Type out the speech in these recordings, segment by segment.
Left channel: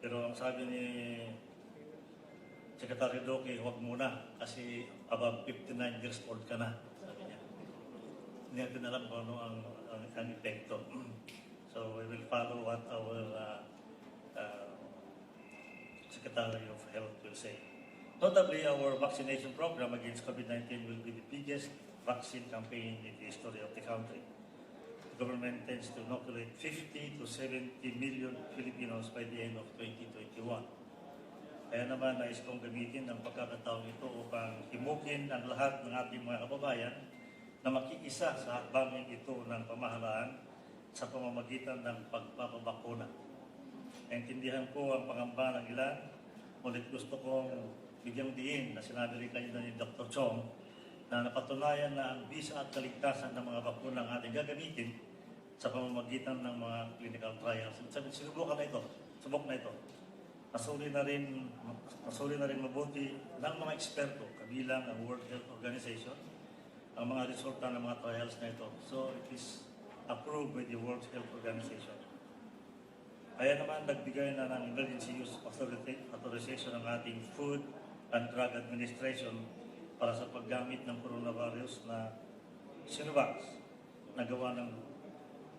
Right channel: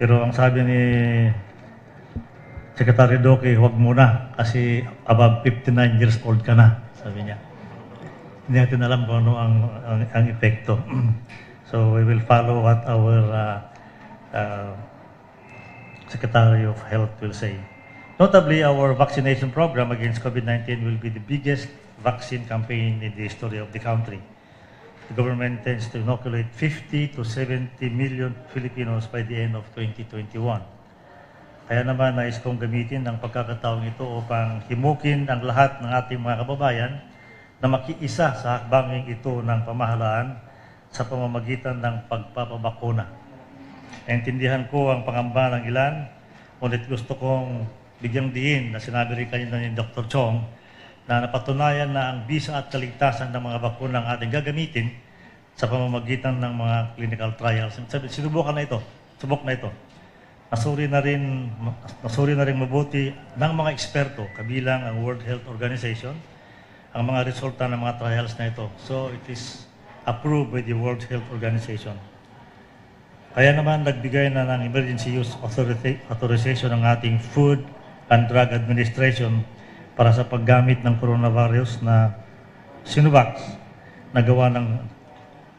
Pero ang sabi ni Secretary Doke, huwag muna kasi above 59 years old ka na, sabi niya. Hindi natin alam kung ano ang epekto. So we will follow what our Secretary of Health will say. Notably, our vaccination program against COVID-19 will be the biggest vaccine campaign in the history of the country. The government intends to inoculate 50 to 70 million Filipinos by the end of 2021. Kaya naman nais kong gamitin ang pagkakataong ito upang himukin ang lahat ng ating mga kababayan na makiisa sa hakbangin ito ng pamahalaan sa pamamagitan ng pagpapabakuna. Naintindihan ko ang pangamba ng ilan, ngunit gusto kong bigyang diin na sinabi rin kanina ni Dr. Chong na napatunayan na ang bisa at kaligtasan ng mga bakuna ang ating gagamitin sa pamamagitan ng mga clinical trials. Sinubukan na ito, subok na ito. Nasuri na rin mabuti ng mga eksperto, kabilang ang World Health Organization, ang mga resulta ng mga trials na ito. So it is approved by the World Health Organization. Kaya naman nagbigay na ng emergency use authorization ng ating Food and Drug Administration para sa paggamit ng coronavirus na Symbolic na gawa ng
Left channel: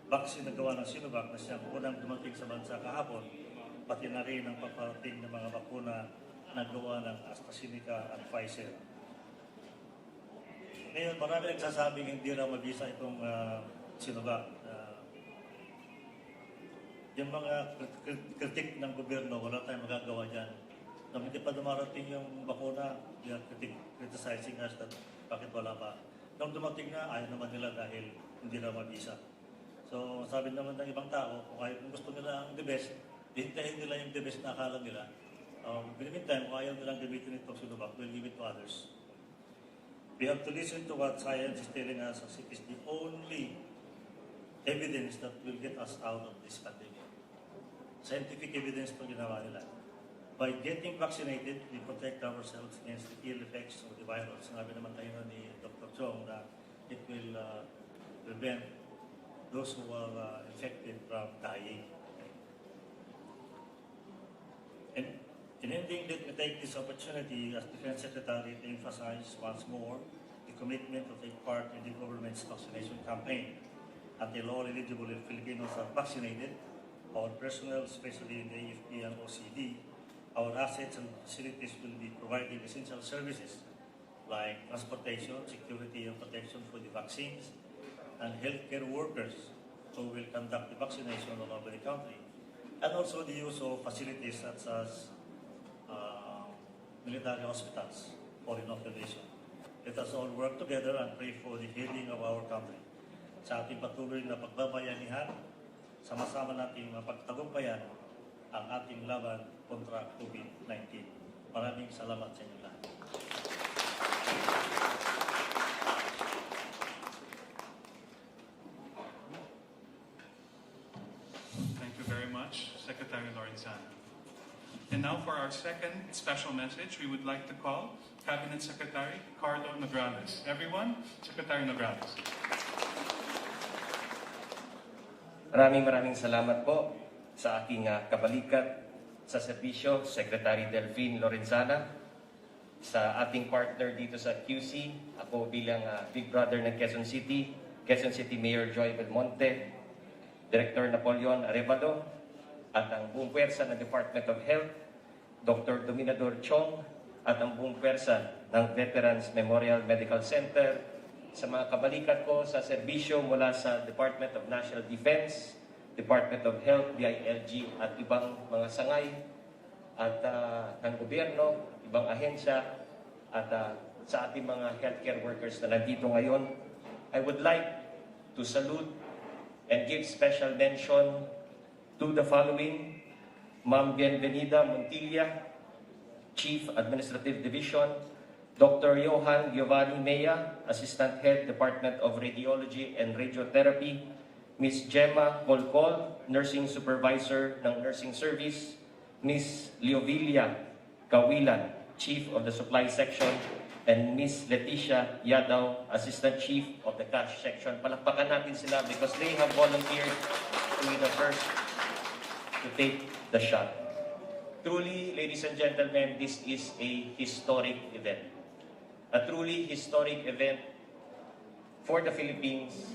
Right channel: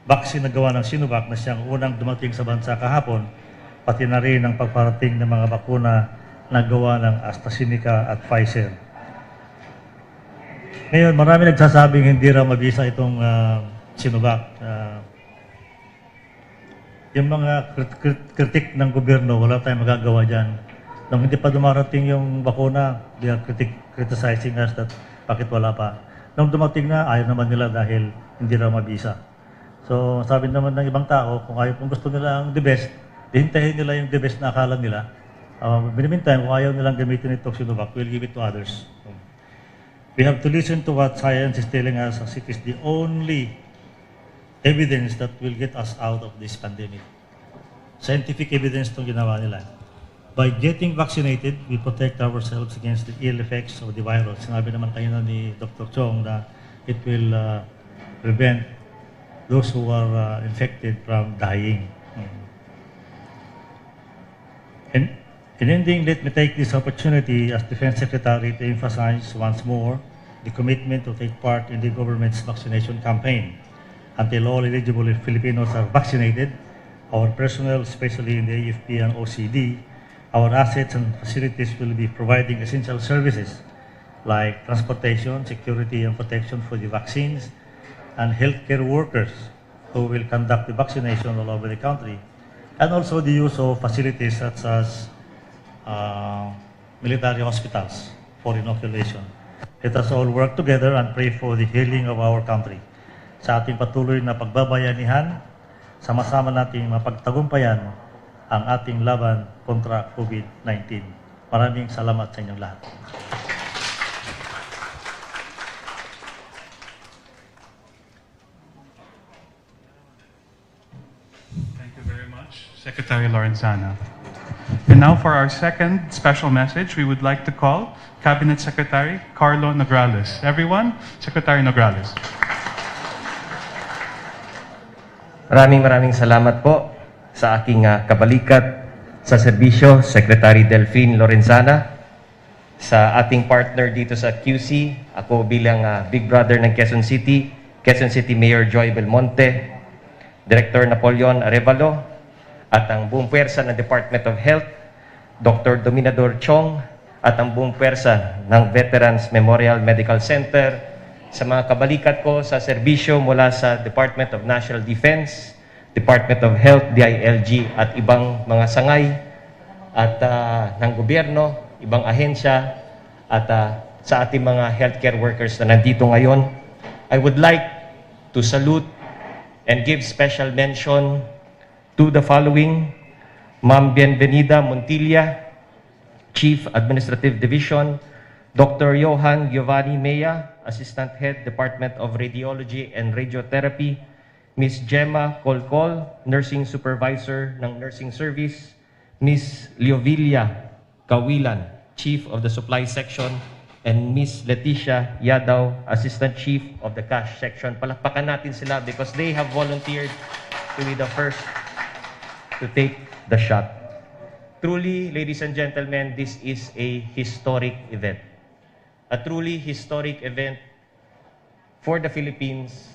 vaccine na gawa ng Symbolic na siyang unang dumating sa bansa kahapon, pati na rin ang pagparating ng mga bakuna na gawa ng AstraZeneca at Pfizer. Ngayon, marami nagsasabing hindi raw mabisa itong Symbolic. Yung mga kritik ng gobyerno, wala tayong magagawa dyan. Nung hindi pa dumarating yung bakuna, they are criticizing us that bakit wala pa. Nung dumating na, ayaw naman nila dahil hindi raw mabisa. So, sabi naman ng ibang tao, kung gusto nila ang the best, hintayin nila yung the best na akala nila. In the meantime, kung ayaw nilang gamitin itong Symbolic, we'll give it to others. We have to listen to what science is telling us as it is the only evidence that will get us out of this pandemic. Scientific evidence itong ginawa nila. By getting vaccinated, we protect ourselves against the ill effects of the virus. Sinabi naman kanina ni Dr. Chong na it will prevent those who are infected from dying. In ending, let me take this opportunity as Defense Secretary to emphasize once more the commitment to take part in the government's vaccination campaign. Until all eligible Filipinos are vaccinated, our personnel, especially in the AFP and OCD, our assets and facilities will be providing essential services like transportation, security and protection for the vaccines, and healthcare workers who will conduct the vaccination all over the country, and also the use of facilities such as military hospitals for inoculation. Let us all work together and pray for the healing of our country. Sa ating patuloy na pagbabayanihan, sama-sama nating mapagtagumpayan ang ating laban kontra COVID-19. Maraming salamat sa inyong lahat. Thank you very much, Secretary Lorenzana. And now for our second special message, we would like to call Cabinet Secretary Carlo Nograles. Everyone, Secretary Nograles. Maraming salamat po sa aking kabalikat sa serbisyo, Secretary Delphine Lorenzana, sa ating partner dito sa QC, ako bilang Big Brother ng Quezon City Mayor Joy Belmonte, Director Napoleon Arevalo, at ang buong puwersa ng Department of Health, Dr. Dominador Chong, at ang buong puwersa ng Veterans Memorial Medical Center, sa mga kabalikat ko sa serbisyo mula sa Department of National Defense, Department of Health, DILG, at ibang mga sangay at ng gobyerno, ibang ahensya, at sa ating mga healthcare workers na nandito ngayon. I would like to salute and give special mention to the following: Ma'am Bienvenida Montilla, Chief Administrative Division; Dr. Johan Giovanni Mea, Assistant Head, Department of Radiology and Radiotherapy; Ms. Gemma Colcol, Nursing Supervisor ng Nursing Service; Ms. Leovilla Kawilan, Chief of the Supply Section; and Ms. Leticia Yadaw, Assistant Chief of the Cash Section. Palakpakan natin sila because they have volunteered to be the first to take the shot. Truly, ladies and gentlemen, this is a historic event. A truly historic event for the Philippines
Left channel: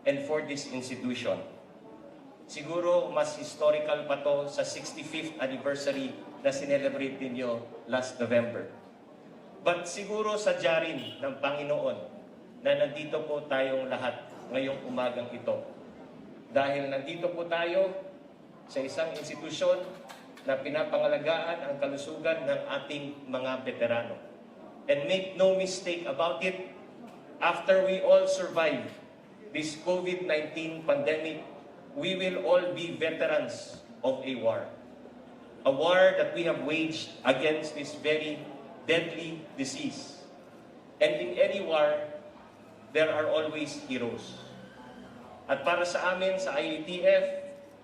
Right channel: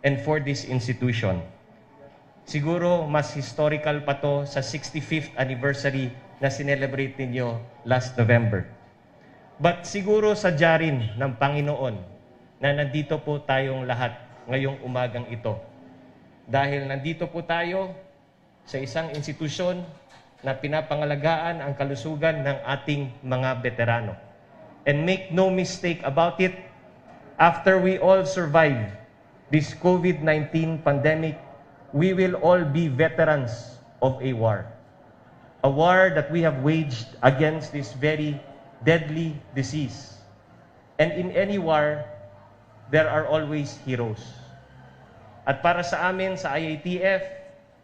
and for this institution. Siguro mas historical pa to sa 65th anniversary na sinelebrate ninyo last November. But siguro sadya rin ng Panginoon na nandito po tayong lahat ngayong umagang ito. Dahil nandito po tayo sa isang institusyon na pinapangalagaan ang kalusugan ng ating mga veterano. And make no mistake about it, after we all survive this COVID-19 pandemic, we will all be veterans of a war. A war that we have waged against this very deadly disease. And in any war, there are always heroes. At para sa amin, sa IATF,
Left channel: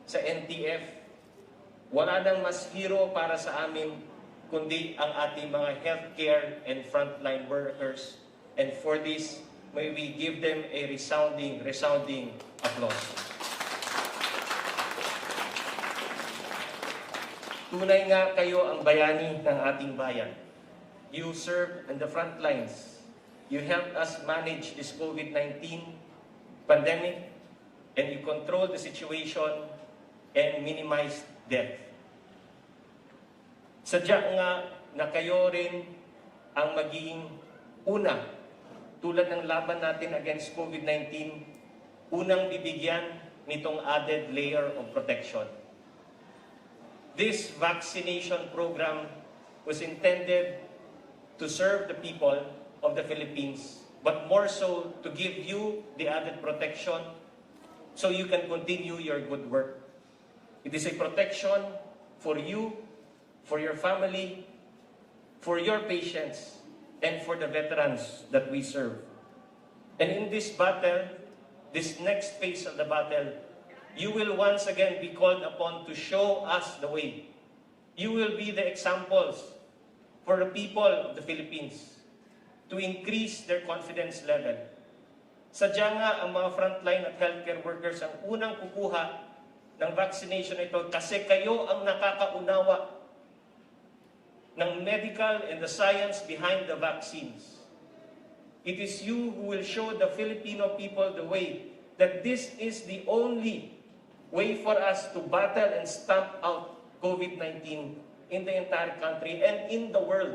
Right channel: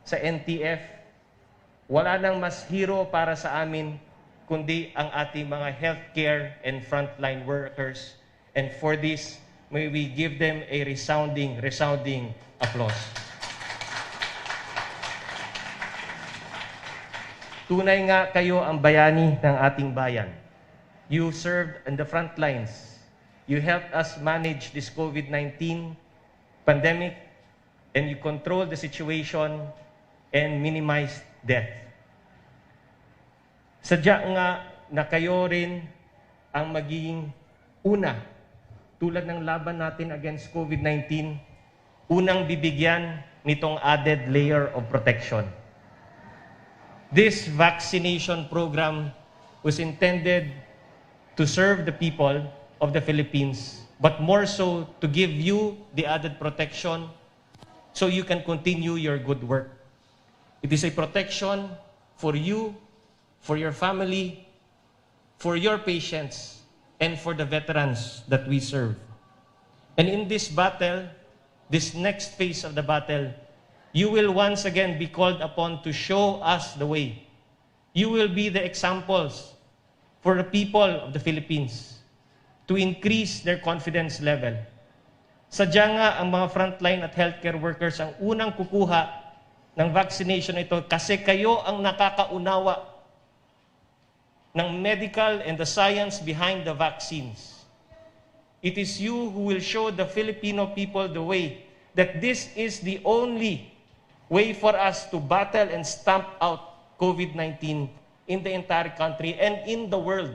sa NTF, wala nang mas hero para sa amin kundi ang ating mga healthcare and frontline workers. And for this, may we give them a resounding applause. Tunay nga kayo ang bayani ng ating bayan. You served in the front lines. You helped us manage this COVID-19 pandemic, and you controlled the situation and minimized death. Sadya nga na kayo rin ang magiging una, tulad ng laban natin against COVID-19, unang bibigyan nitong added layer of protection. This vaccination program was intended to serve the people of the Philippines, but more so to give you the added protection so you can continue your good work. It is a protection for you, for your family, for your patients, and for the veterans that we serve. And in this battle, this next phase of the battle, you will once again be called upon to show us the way. You will be the examples for the people of the Philippines to increase their confidence level. Sadya nga ang mga frontline at healthcare workers ang unang kukuha ng vaccination ito kasi kayo ang nakakaunawa ng medical and the science behind the vaccines. It is you who will show the Filipino people the way that this is the only way for us to battle and stamp out COVID-19 in the entire country and in the world.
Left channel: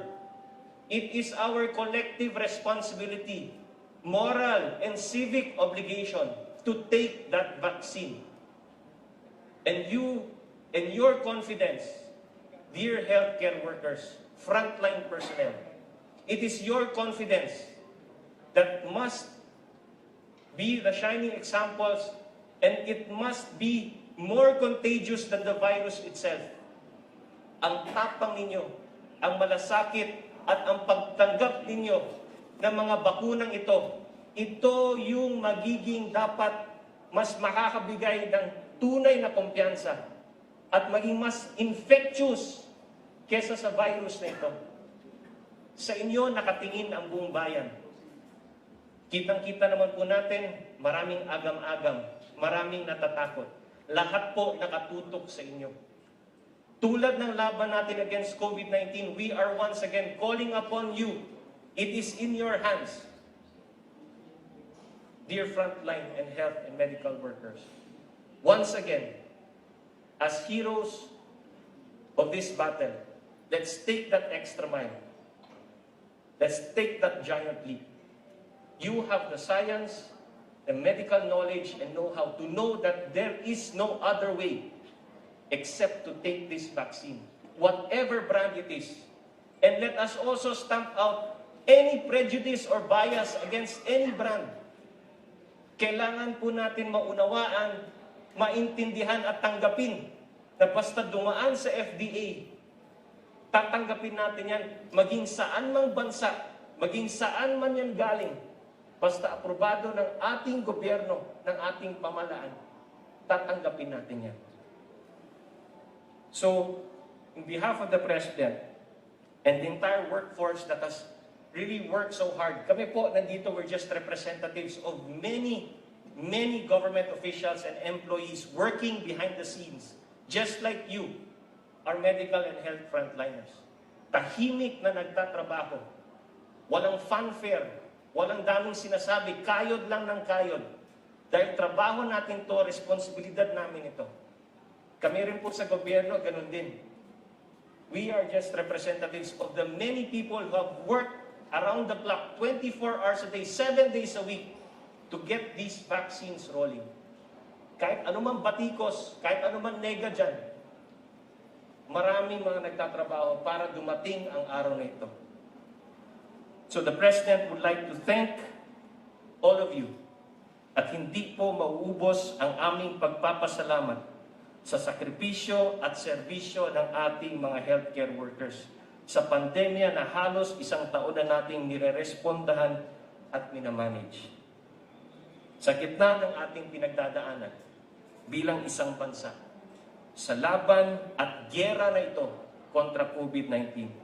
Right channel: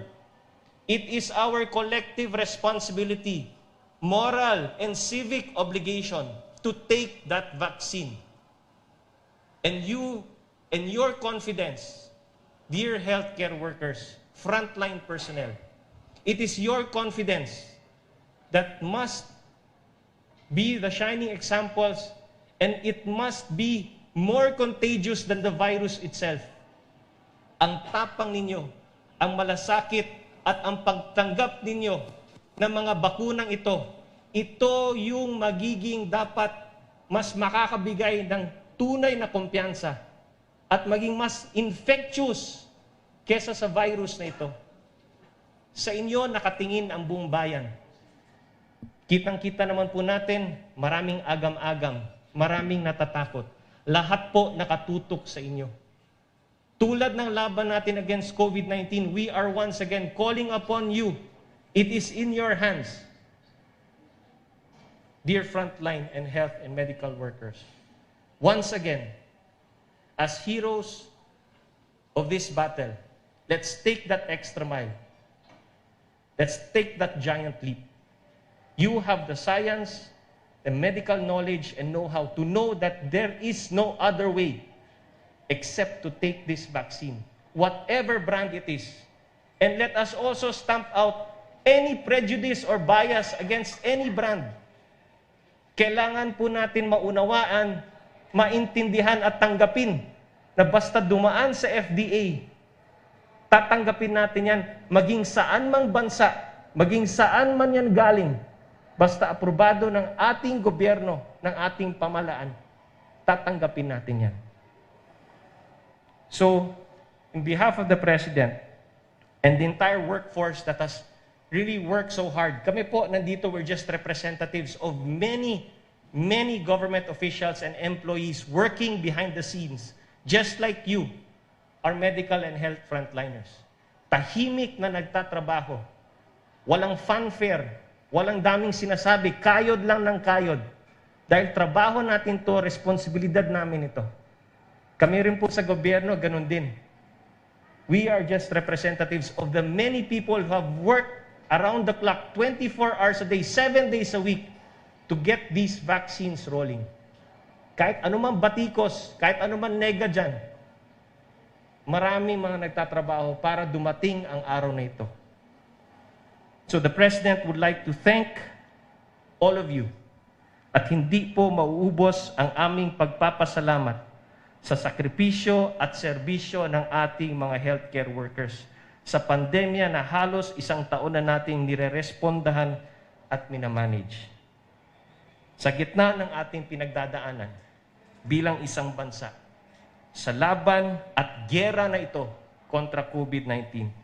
It is our collective responsibility, moral and civic obligation to take that vaccine. And you and your confidence, dear healthcare workers, frontline personnel, it is your confidence that must be the shining examples, and it must be more contagious than the virus itself. Ang tapang ninyo, ang malasakit at ang pagtanggap ninyo ng mga bakunang ito yung magiging dapat mas makakabigay ng tunay na kumpiyansa at maging mas infectious kesa sa virus na ito. Sa inyo nakatingin ang buong bayan. Kitang-kita naman po natin, maraming agam-agam, maraming natatakot. Lahat po nakatutok sa inyo. Tulad ng laban natin against COVID-19, we are once again calling upon you. It is in your hands. Dear frontline and health and medical workers, once again, as heroes of this battle, let's take that extra mile. Let's take that giant leap. You have the science, the medical knowledge, and know-how to know that there is no other way except to take this vaccine, whatever brand it is. And let us also stamp out any prejudice or bias against any brand. Kailangan po natin maunawaan, maintindihan at tanggapin na basta dumaan sa FDA, tatanggapin natin yan maging saan mang bansa, maging saan man yan galing, basta aprobado ng ating gobyerno, ng ating pamahalaan, tatanggapin natin yan. So, in behalf of the President and the entire workforce that has really worked so hard, kami po nandito, we're just representatives of many government officials and employees working behind the scenes, just like you, our medical and health frontliners. Tahimik na nagtatrabaho. Walang fanfare, walang daming sinasabi, kayod lang ng kayod. Dahil trabaho natin to, responsibilidad namin ito. Kami rin po sa gobyerno, ganun din. We are just representatives of the many people who have worked around the clock, 24 hours a day, 7 days a week, to get these vaccines rolling. Kahit anumang batikos, kahit anumang nega dyan, maraming mga nagtatrabaho para dumating ang araw na ito. So the President would like to thank all of you at hindi po mauubos ang aming pagpapasalamat sa sakripisyo at serbisyo ng ating mga healthcare workers sa pandemya na halos 1 taon na nating nire-respondahan at minamanage. Sa gitna ng ating pinagdadaanan bilang isang bansa, sa laban at gyera na ito kontra COVID-19,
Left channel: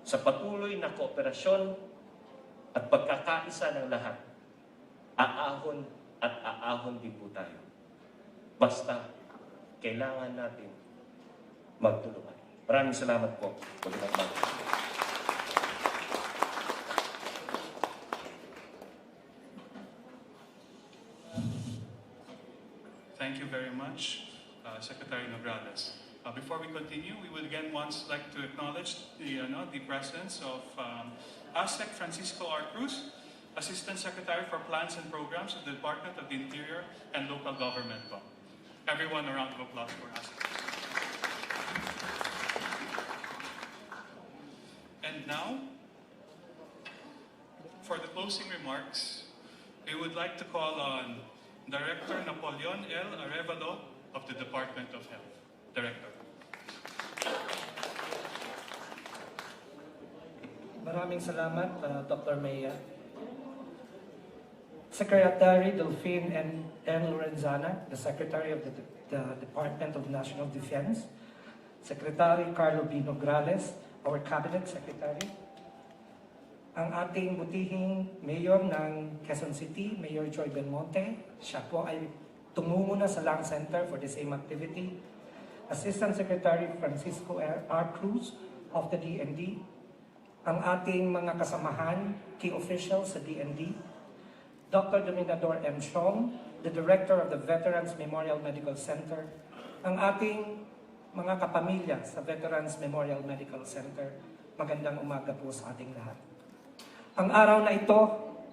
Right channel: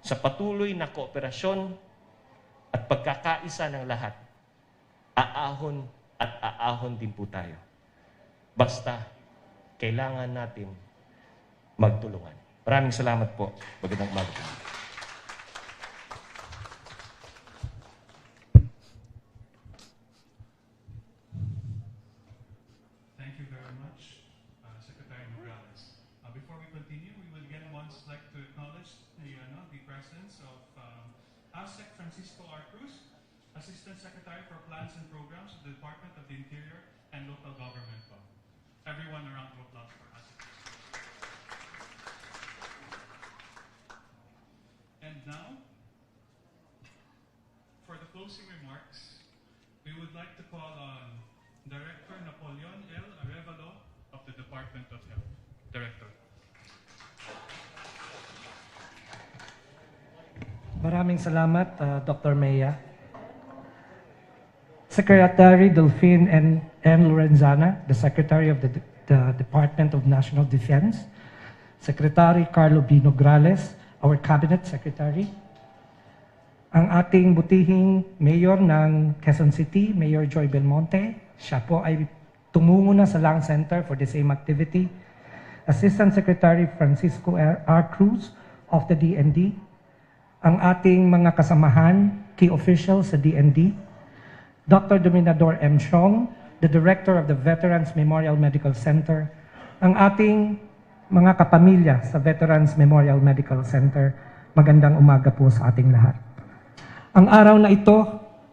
sa patuloy na kooperasyon at pagkakaisa ng lahat, aahon at aahon din po tayo. Basta, kailangan natin magtulungan. Maraming salamat po. Magandang umaga. Thank you very much, Secretary Nograles. Before we continue, we would again like to acknowledge the presence of Aztec Francisco R. Cruz, Assistant Secretary for Plans and Programs of the Department of the Interior and Local Government. Everyone, a round of applause for Aztec. And now, for the closing remarks, we would like to call on Director Napoleon L. Arevalo of the Department of Health. Director. Maraming salamat, Dr. Mea. Secretary Delphine N. Lorenzana, the Secretary of the Department of National Defense, Secretary Carlo B. Nograles, our Cabinet Secretary, ang ating butihing Mayor ng Quezon City, Mayor Joy Belmonte, siya po ay tumungo na sa Lang Center for the same activity, Assistant Secretary Francisco R. Cruz of the DND, ang ating mga kasamahan, key officials sa DND, Dr. Dominador M. Chong, the Director of the Veterans Memorial Medical Center, ang ating mga kapamilya sa Veterans Memorial Medical Center, magandang umaga po sa ating lahat. Ang araw na ito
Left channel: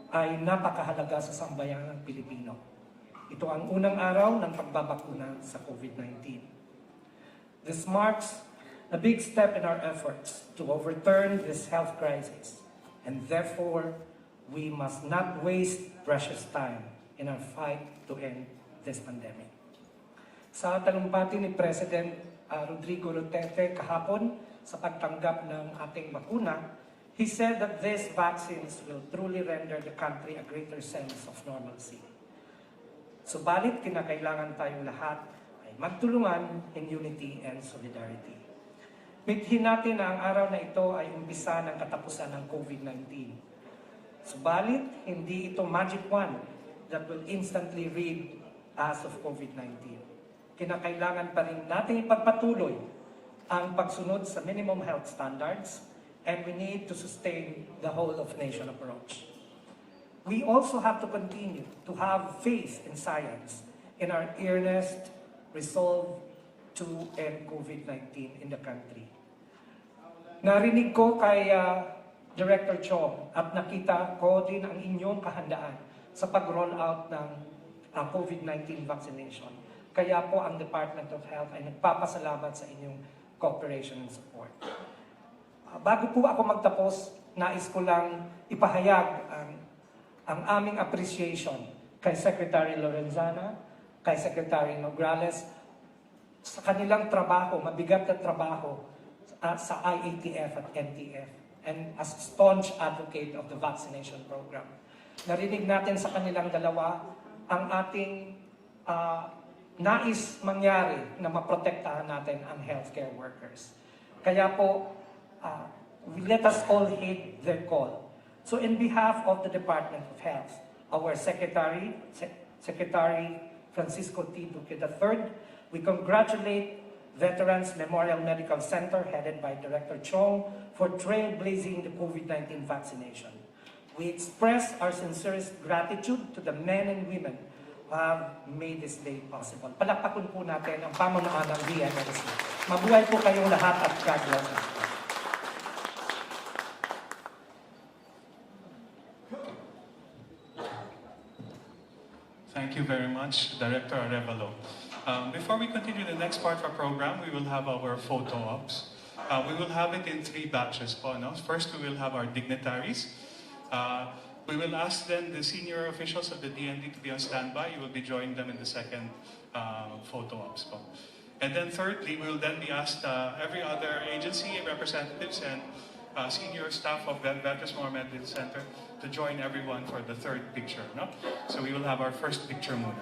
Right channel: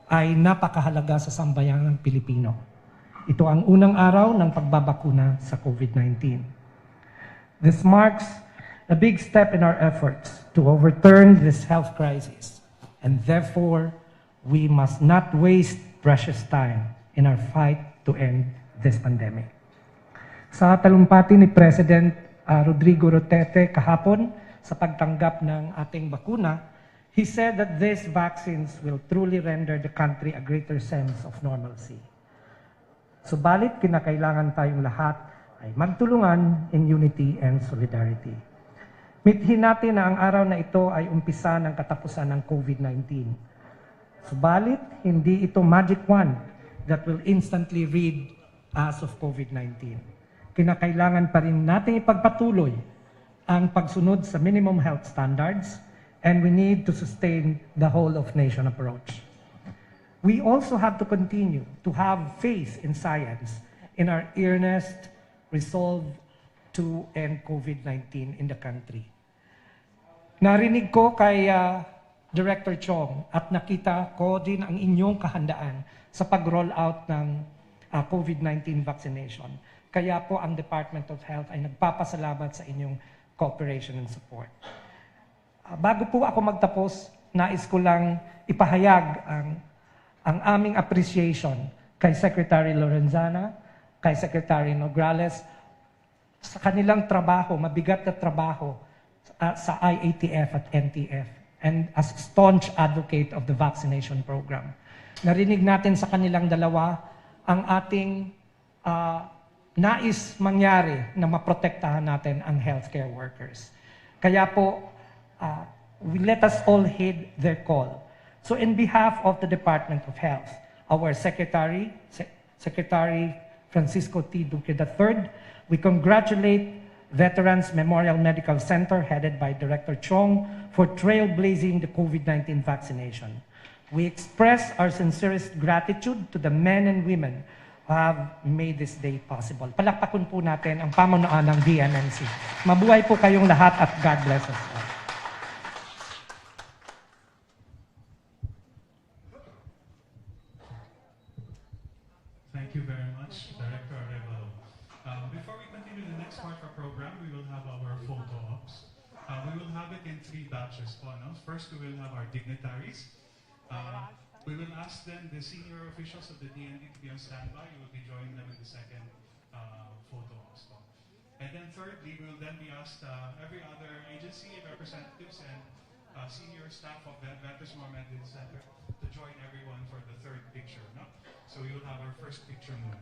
ay napakahalaga sa sambayanang Pilipino. Ito ang unang araw ng pagbabakuna sa COVID-19. This marks a big step in our efforts to overturn this health crisis, and therefore, we must not waste precious time in our fight to end this pandemic. Sa talumpati ni President Rodrigo Duterte kahapon sa pagtanggap ng ating bakuna, he said that these vaccines will truly render the country a greater sense of normalcy. Subalit, kinakailangan tayong lahat ay magtulungan in unity and solidarity. Mithin natin na ang araw na ito ay umpisa ng katapusan ng COVID-19. Subalit, hindi ito magic wand that will instantly rid us of COVID-19. Kinakailangan pa rin natin ipagpatuloy ang pagsunod sa minimum health standards, and we need to sustain the whole of nation approach. We also have to continue to have faith in science, in our earnest resolve to end COVID-19 in the country. Narinig ko kay Director Chong at nakita ko din ang inyong kahandaan sa pag-roll out ng COVID-19 vaccination. Kaya po ang Department of Health ay nagpapasalamat sa inyong cooperation and support. Bago po ako magtapos, nais ko lang ipahayag ang aming appreciation kay Secretary Lorenzana, kay Secretary Nograles, sa kanilang trabaho, mabigat na trabaho sa IATF at NTF, and as staunch advocate of the vaccination program. Narinig natin sa kanilang dalawa ang ating nais mangyari na maprotektahan natin ang healthcare workers. Kaya po, let us all heed their call. So in behalf of the Department of Health, our Secretary Francisco T. Duque III, we congratulate Veterans Memorial Medical Center, headed by Director Chong, for trailblazing the COVID-19 vaccination. We express our sincerest gratitude to the men and women who have made this day possible. Palakpakan po natin ang pamunuan ng DNIC. Mabuhay po kayong lahat at God bless us. Thank you very much, Director Arevalo. Before we continue the next part of our program, we will have our photo ops. We will have it in 3 batches po, no? First, we will have our dignitaries. We will ask then the senior officials of the DND to be on standby. You will be joining them in the second photo ops po. And then thirdly, we will then be asked every other agency representatives and senior staff of the Veterans Memorial Medical Center to join everyone for the third picture. No? So we will have our first picture muna.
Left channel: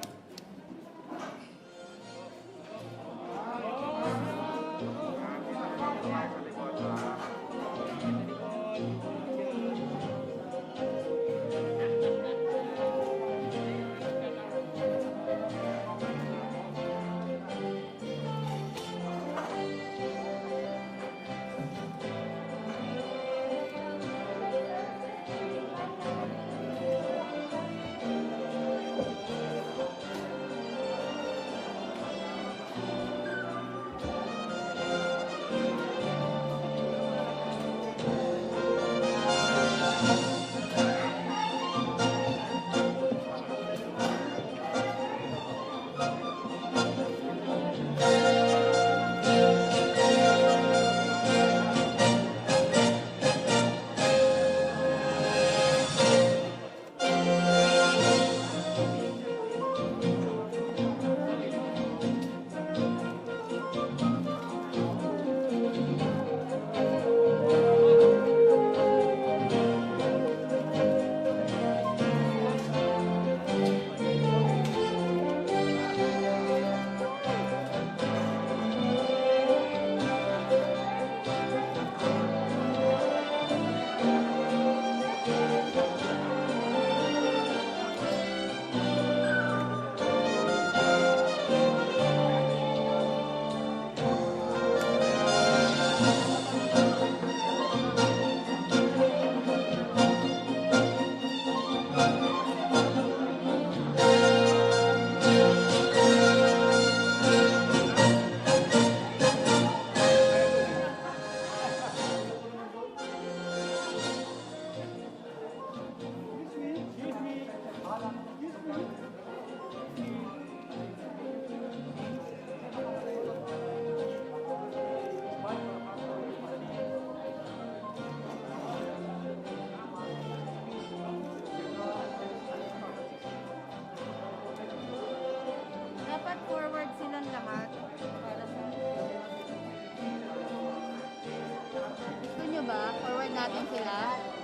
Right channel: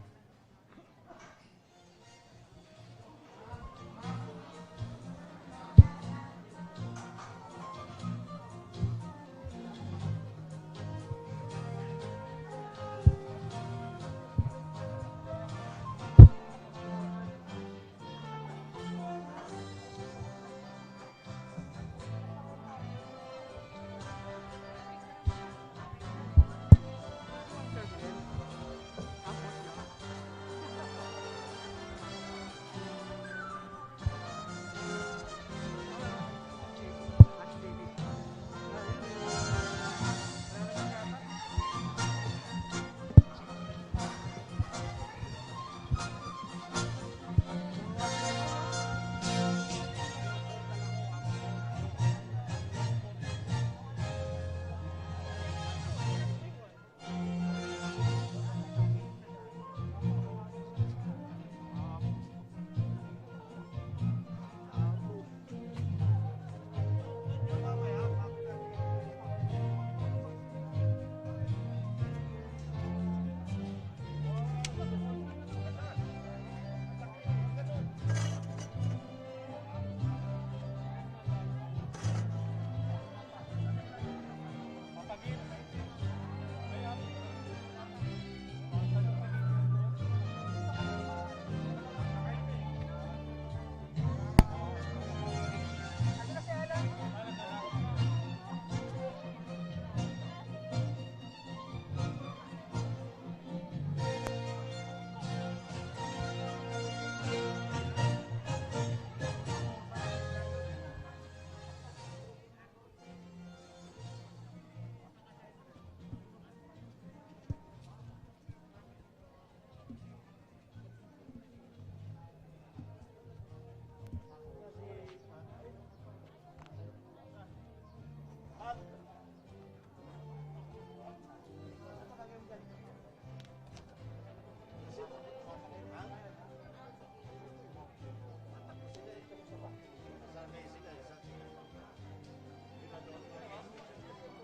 Gusto nyo ba? Forward natin sila.